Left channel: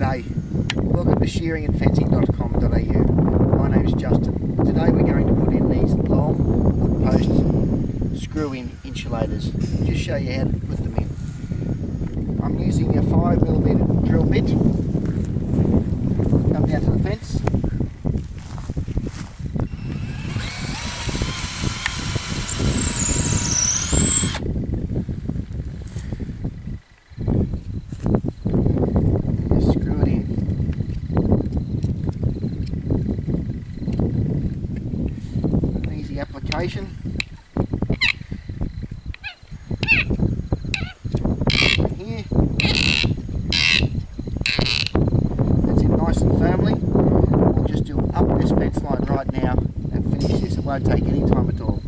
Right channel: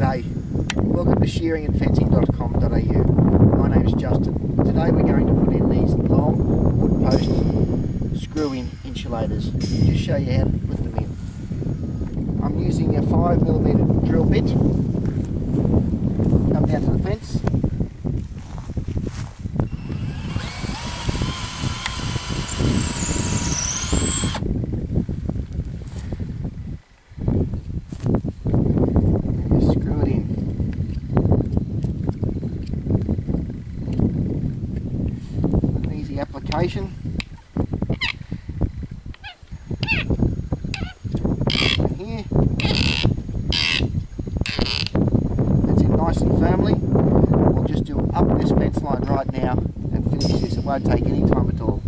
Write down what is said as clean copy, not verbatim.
G'day, welcome to shearingandfencing.com.au. My name is Justin. Today we're going to put in these long wood post screw-in insulators. Just show you how to put them in. I'm using a 5mm drill bit. Come down to the fence. Screw it in. An easy application. And here, that's it nice and firmly. We'll just do up this fence line right now and finish this. It won't take any time at all.